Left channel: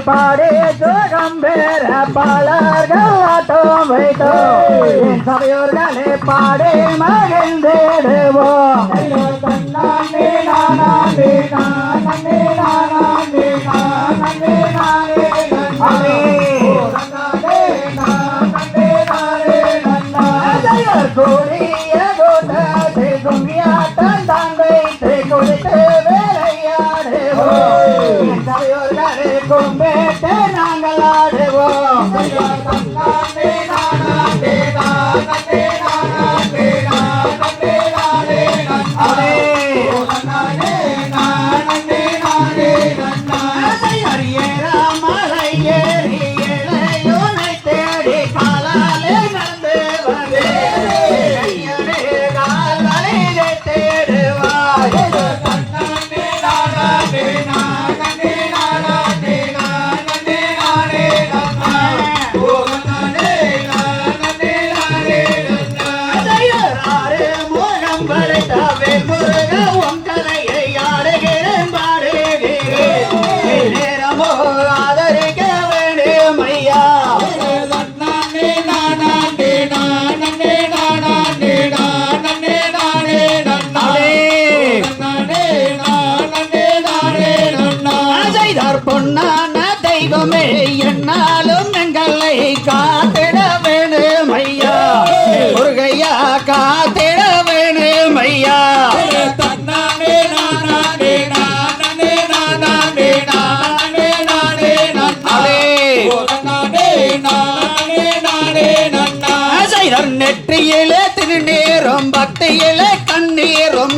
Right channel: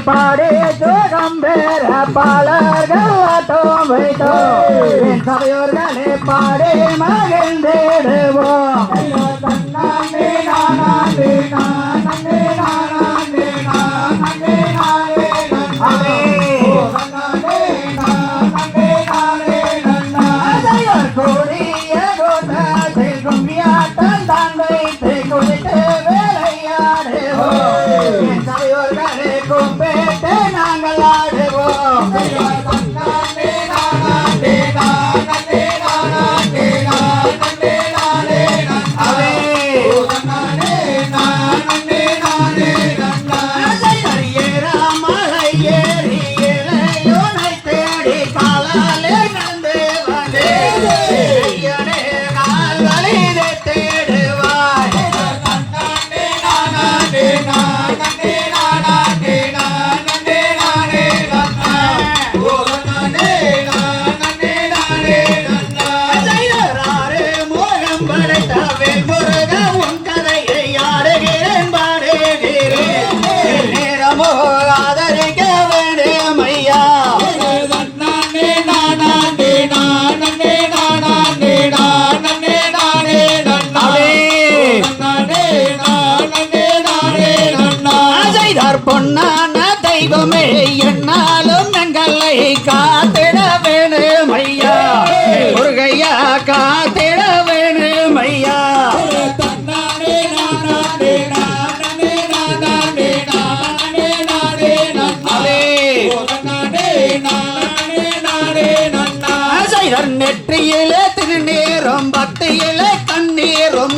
பாடி திகம்பேர பாலர்கள் அண்ணான தெய்வமே என்னாலும் எங்களை காத்திட வேணும் ஐயா முருகையா காத்திட வேணும் ஐயா நெற்றியிலே திருநீரும் பத்தியிலே கண்ணீரும்